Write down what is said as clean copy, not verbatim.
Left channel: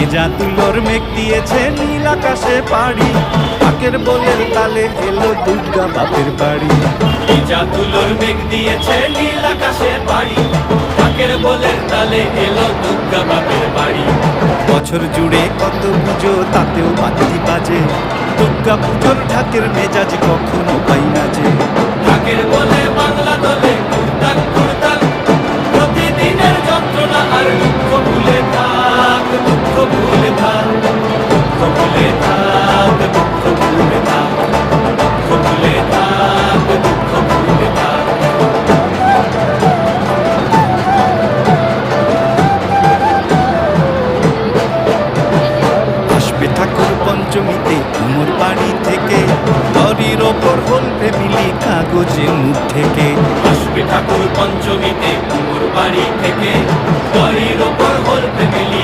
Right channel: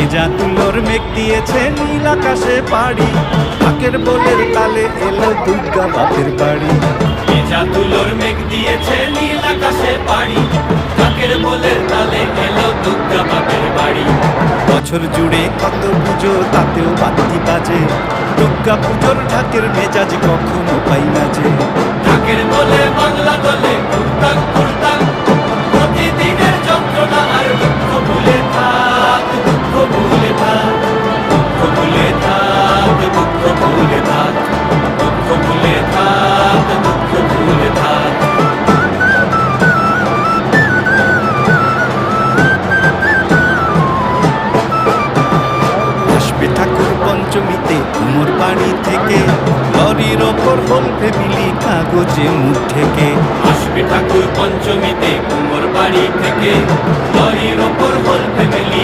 ভেজা তুলোর মেঘ দিয়েছে নীল আকাশে পাড়ি, ঢাকের বোলের তালে এলো দুর্গা বাপের বাড়ি। ভেজা তুলোর মেঘ দিয়েছে নীল আকাশে পাড়ি, ঢাকের বোলের তালে এলো দুর্গা বাপের বাড়ি। বছর জুড়ে কত পুজো তাতেও বাদ্যি বাজে, দুর্গা পুজোর ঢাকের মেজাজ কখনো পাই না যে। ঢাকের বলে বাংলা দলে ঘুরতাক ঘুরতাক, প্রতিদিনের যন্ত্রণা আর দুঃখ ভুলে থাক, দুঃখ ভুলে থাক, দুঃখ ভুলে থাক, দুঃখ ভুলে থাক, দুঃখ ভুলে থাক, দুঃখ ভুলে থাক। আসবে ঠাকুর পঞ্চমীতে কুমোর বাড়ি থেকে, লরির ওপর হোল ফ্যামিলি কাগজে মুখ ঢেকে। আসবে ঠাকুর পঞ্চমীতে কুমোর বাড়ি থেকে, বাড়ির ওপর হোল ফ্যামিলি